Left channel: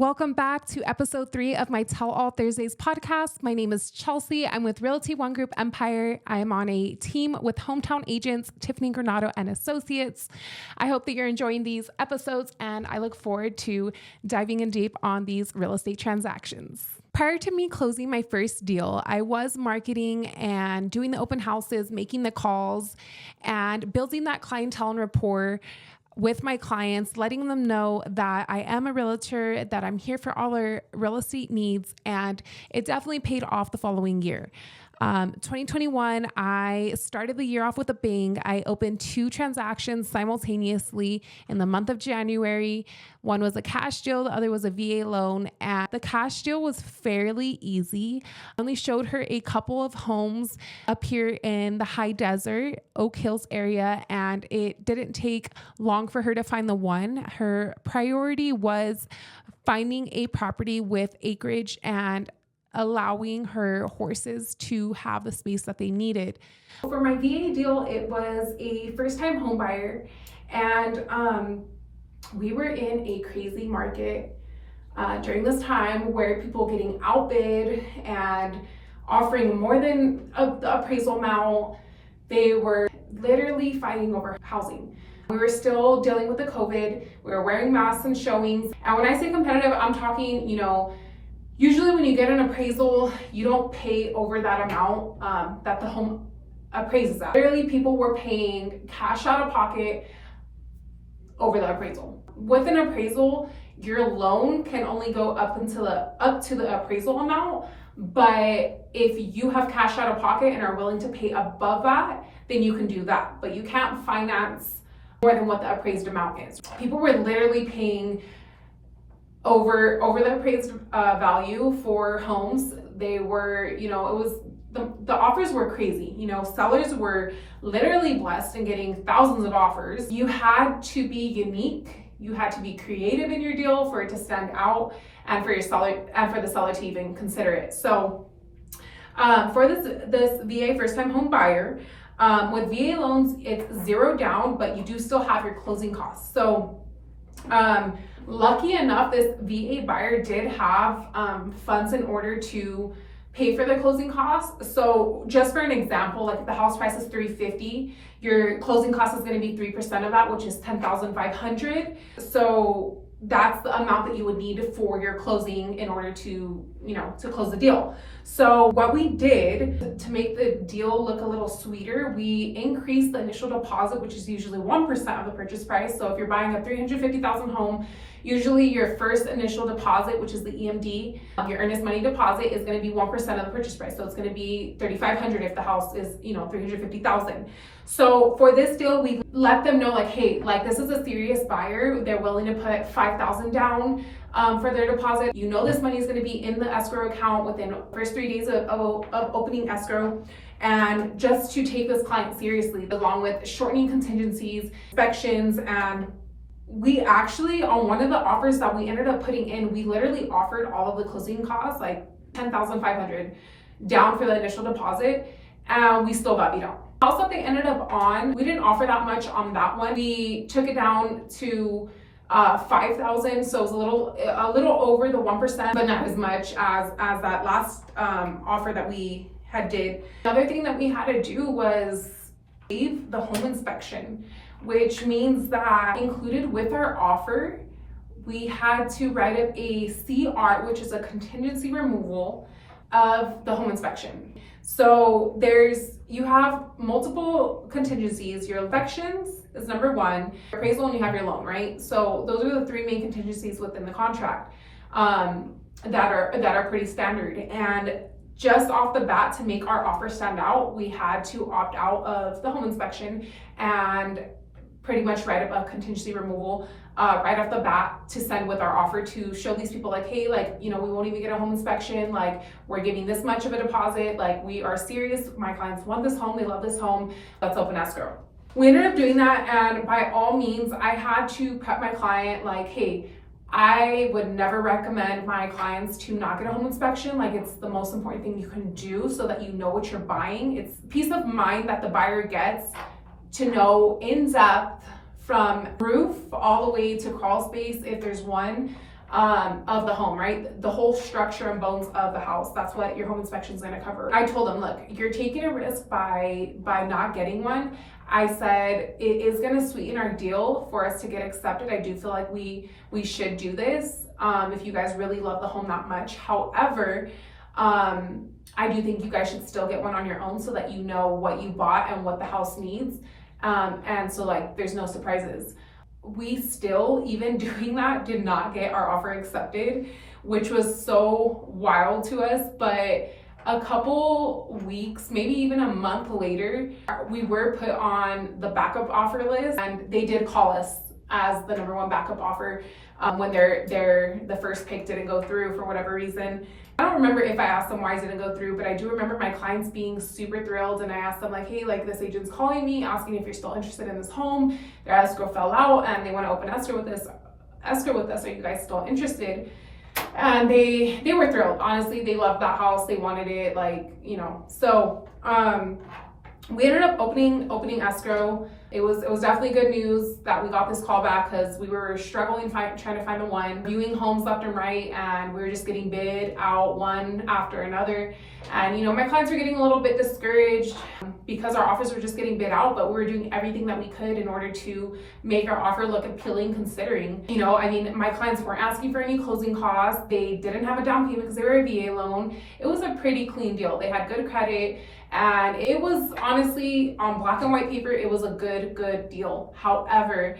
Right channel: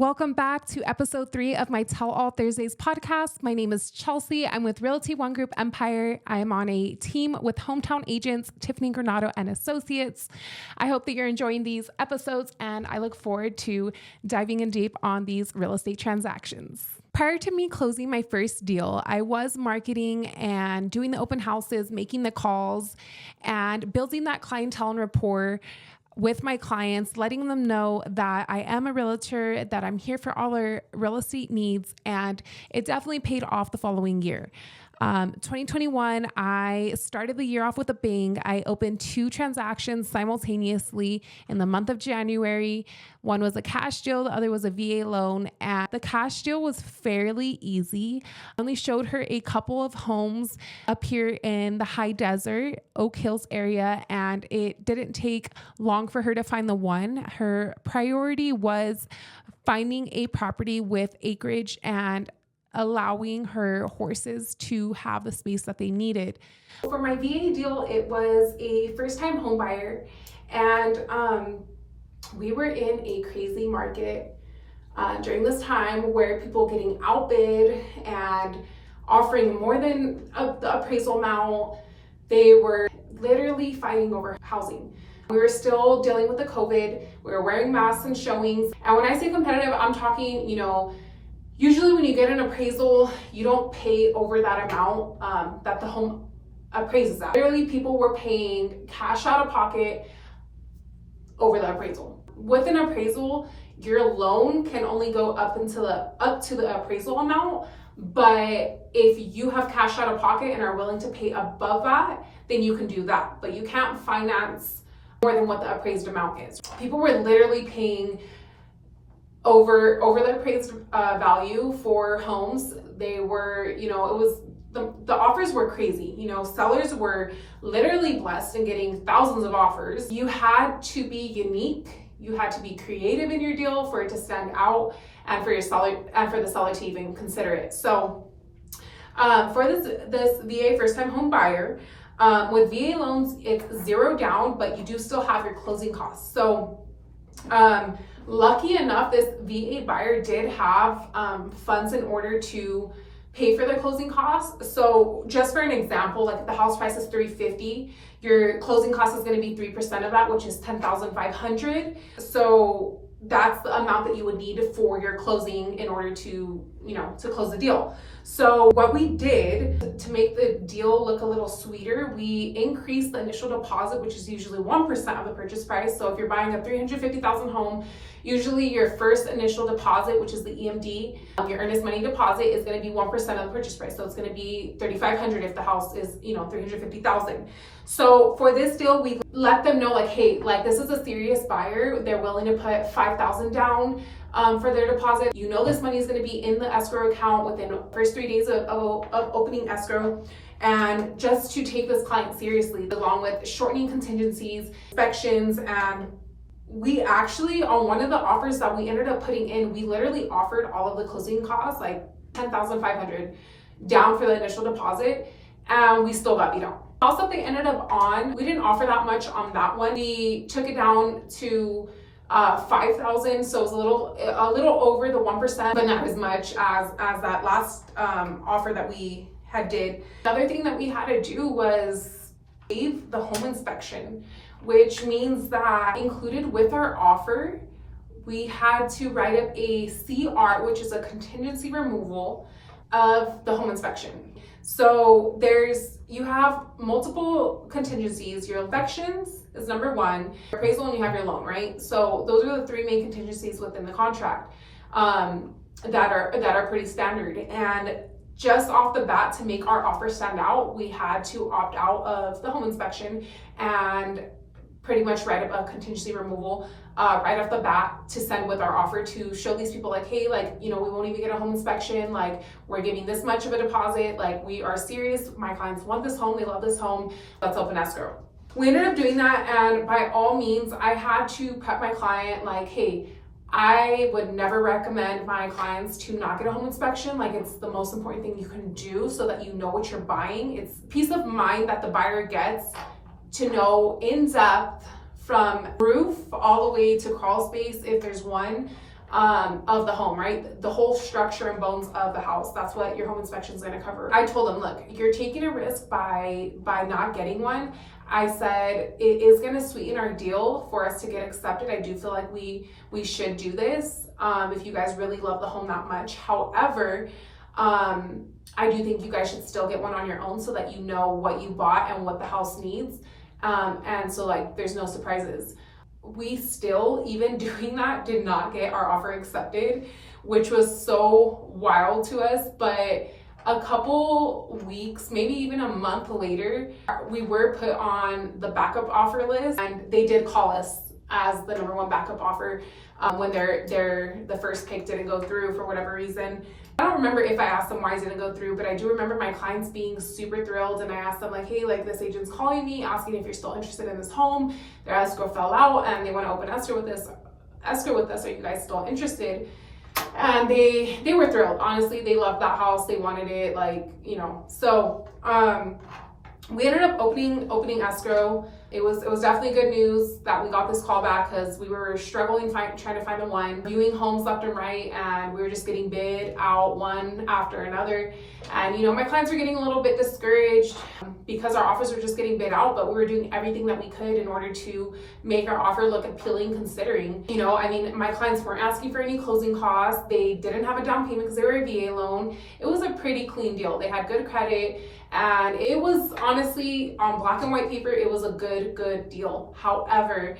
Welcome back to episode 3 of my Tell All Thursdays podcast. My name is Chelsea. I'm with Realty One Group Empire. I am on a team with hometown agents Tiffany Granado and Associates. I hope that you're enjoying these episodes, and I look forward to diving in deep on these real estate transactions. Prior to me closing my first deal, I was marketing and doing the open houses, making the calls, and building that clientele and rapport with my clients, letting them know that I am a realtor, that I'm here for all their real estate needs, and it definitely paid off the following year. 2021, I started the year off with a bang. I opened 2 transactions simultaneously in the month of January. One was a cash deal, the other was a VA loan, and the cash deal was fairly easy. I only showed her a couple of homes up here in the high desert, Oak Hills area, and it didn't take long for her to find the one. Her priority was finding a property with acreage and allowing her horses to have the space that they needed. For my VA deal, it was a first-time home buyer, and we were in a crazy market during this time where people were getting outbid and offering more than the appraisal amount. They were literally fighting over housing. We were still dealing with the COVID. We were wearing masks and showings. And when I say competitive, I'm talking, usually when you get an appraisal, you don't pay over that amount that the home appraises at. Literally, people were paying cash out of pocket over the appraisal. With an appraisal, your loan can only go up to the appraisal amount, but if you have cash out of pocket and are willing to pay above that, then you can do that. But you can't finance more than what the appraised amount is. People were literally paying over the appraised value for homes. They were, it was, the offers were crazy. Sellers were literally blessed in getting thousands of offers. You had to be unique. You had to be creative in your deal for it to stand out and for your seller and for the seller to even consider it. So for this VA first-time home buyer, with VA loans, it's 0 down, but you do still have your closing costs. So lucky enough, this VA buyer did have funds in order to pay for their closing costs. So just for an example, like if the house price is $350, your closing cost is going to be 3% of that, which is $10,500. So that's the amount that you would need for your closing in order to, to close the deal. So what we did to make the deal look a little sweeter, we increased the initial deposit, which is usually 1% of the purchase price. So if you're buying a $350,000 home, usually your first initial deposit, which is the EMD, your earnest money deposit, is going to be 1% of the purchase price. So it's going to be $3,500 if the house is, $350,000. So for this deal, we let them know hey, this is a serious buyer. They're willing to put $5,000 down for their deposit. This money is going to be in the escrow account within the first 3 days of opening escrow. And just to take this client seriously, along with shortening contingencies, inspections, and we actually, on one of the offers that we ended up putting in, we literally offered all of the closing costs, like $10,500 down for the initial deposit, and we still got beat out. The house that they ended up on, we didn't offer that much on that one. We took it down to $5,000, so it was a little over the 1%, but not as much as that last offer that we had did. Another thing that we had to do was waive the home inspection, which means that included with our offer, we had to write up a CR, which is a contingency removal of the home inspection. So you have multiple contingencies. Your inspections is number 1, appraisal, and you have your loan, right? So those are the 3 main contingencies within the contract that are pretty standard. And just off the bat, to make our offer stand out, we had to opt out of the home inspection and pretty much write up a contingency removal right off the bat to send with our offer to show these people hey, we won't even get a home inspection, we're giving this much of a deposit, we are serious, my clients want this home, they love this home, let's open escrow. We ended up doing that, and by all means, I had to prep my client hey, I would never recommend my clients to not get a home inspection. It's the most important thing you can do so that you know what you're buying. It's peace of mind that the buyer gets to know in depth from roof all the way to crawl space, if there's one, of the home, right? The whole structure and bones of the house. That's what your home inspection is going to cover. I told them, look, you're taking a risk by not getting one. I said, it is going to sweeten our deal for us to get accepted. I do feel like we should do this if you guys really love the home that much. However, I do think you guys should still get one on your own so that you know what you bought and what the house needs. And so like there's no surprises. We still, even doing that, did not get our offer accepted, which was so wild to us. But a couple weeks, maybe even a month later, we were put on the backup offer list, and they did call us as the number one backup offer when the first pick didn't go through for whatever reason. I don't remember if I asked them why it didn't go through, but I do remember my clients being super thrilled, and I asked them like, hey, like this agent's calling me asking if you're still interested in this home. Their escrow fell out and they want to open escrow with us. Are you guys still interested? And they were thrilled. Honestly, they loved that house. They wanted it, like, you know. So we ended up opening escrow. It was definitely good news that we got this call back, because we were struggling trying to find the one, viewing homes left and right, and we were just getting bid out one after another. And you know, my clients were getting a little bit discouraged because our offers were just getting bid out, but we were doing everything that we could in order to make our offer look appealing, considering, you know, I mean, my clients weren't asking for any closing costs. They didn't have a down payment because they were a VA loan. It was a pretty clean deal. They had good credit. And it was honestly, on black and white paper, it was a good deal. However,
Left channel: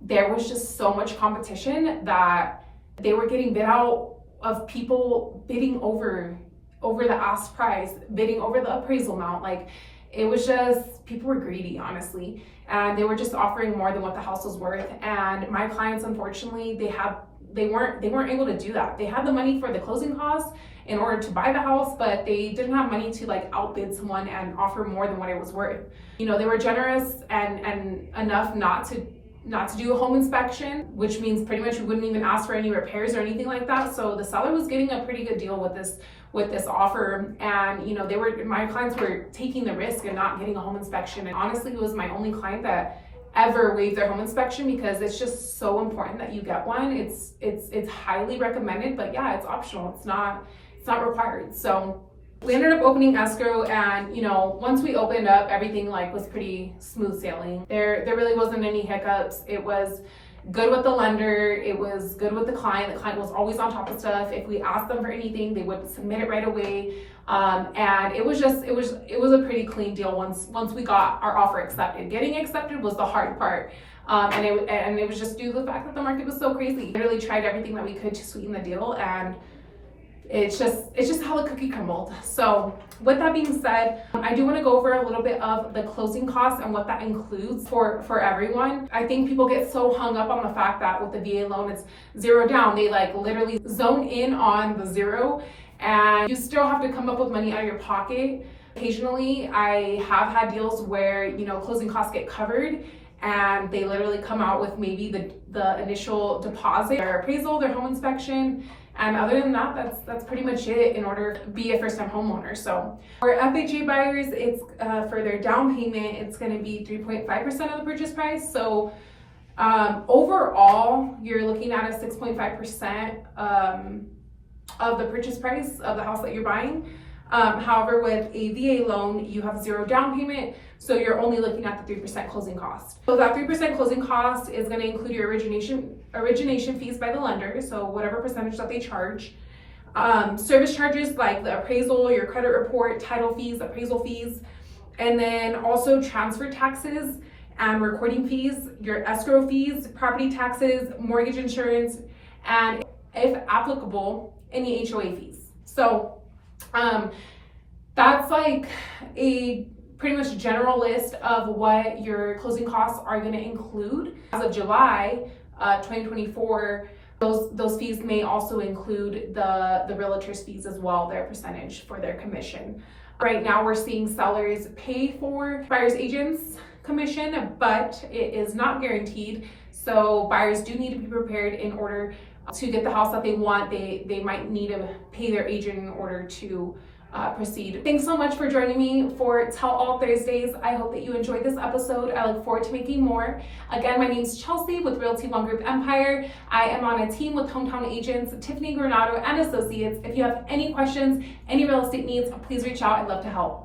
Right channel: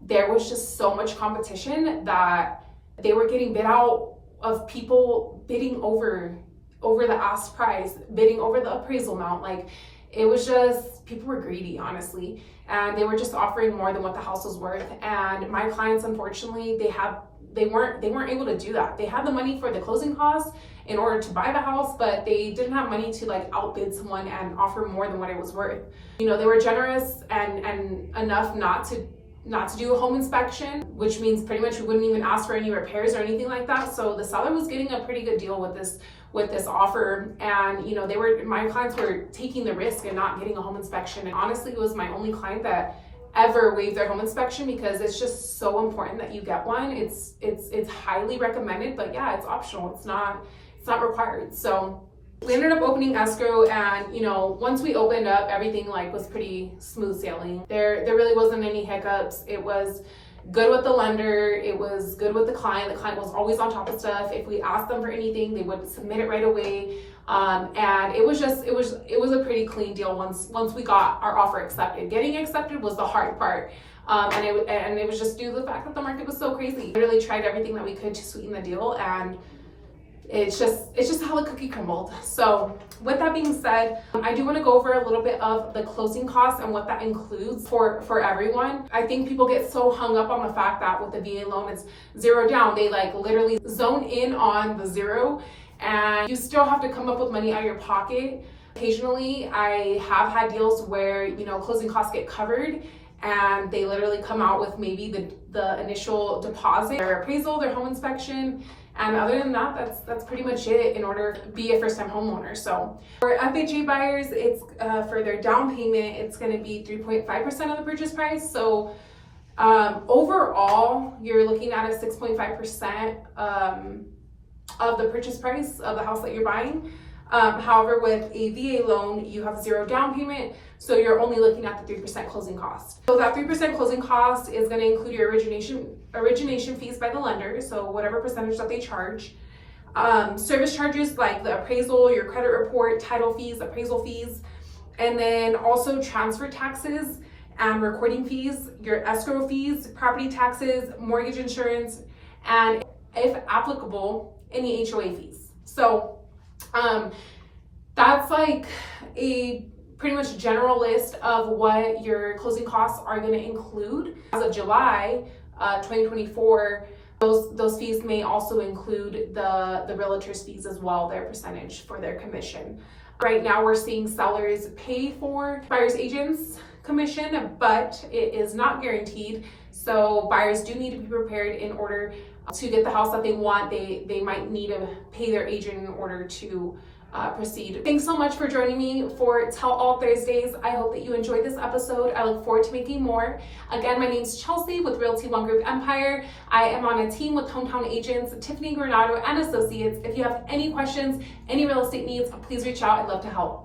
there was just so much competition that they were getting bid out of people bidding over the ask price, bidding over the appraisal amount. Like, it was just, people were greedy, honestly. And they were just offering more than what the house was worth. And my clients, unfortunately, they weren't able to do that. They had the money for the closing costs in order to buy the house, but they didn't have money to like outbid someone and offer more than what it was worth. You know, they were generous and enough not to do a home inspection, which means pretty much we wouldn't even ask for any repairs or anything like that. So the seller was getting a pretty good deal with this offer. And you know, my clients were taking the risk and not getting a home inspection. And honestly, it was my only client that ever waived their home inspection, because it's just so important that you get one. It's highly recommended, but yeah, it's optional. It's not required. So we ended up opening escrow, and you know, once we opened up, everything like was pretty smooth sailing. There really wasn't any hiccups. It was good with the lender. It was good with the client. The client was always on top of stuff. If we asked them for anything, they would submit it right away. And it was a pretty clean deal once we got our offer accepted. Getting accepted was the hard part. And it was just due to the fact that the market was so crazy. We really tried everything that we could to sweeten the deal, and it's just how the cookie crumbled. So with that being said, I do want to go over a little bit of the closing costs and what that includes for everyone. I think people get so hung up on the fact that with the VA loan, it's zero down. They like literally zone in on the zero, and you still have to come up with money out of your pocket. Occasionally, I have had deals where, you know, closing costs get covered, and they literally come out with maybe the initial deposit, their appraisal, their home inspection. And other than that, that's pretty much it in order to be a first-time homeowner. So for FHA buyers, it's for their down payment, it's going to be 3.5% of the purchase price. So overall, you're looking at a 6.5% of the purchase price of the house that you're buying. However, with a VA loan, you have zero down payment, so you're only looking at the 3% closing cost. So that 3% closing cost is going to include your origination fees by the lender, so whatever percentage that they charge. Service charges like the appraisal, your credit report, title fees, appraisal fees, and then also transfer taxes and recording fees, your escrow fees, property taxes, mortgage insurance, and if applicable, any HOA fees. So that's like a pretty much general list of what your closing costs are going to include. As of July 2024, those fees may also include the realtor's fees as well, their percentage for their commission. Right now we're seeing sellers pay for buyer's agent's commission, but it is not guaranteed. So buyers do need to be prepared in order to get the house that they want. They might need to pay their agent in order to proceed. Thanks so much for joining me for Tell All Thursdays. I hope that you enjoyed this episode. I look forward to making more. Again, my name's Chelsea with Realty One Group Empire. I am on a team with Hometown Agents, Tiffany Granado and Associates. If you have any questions, any real estate needs, please reach out. I'd love to help.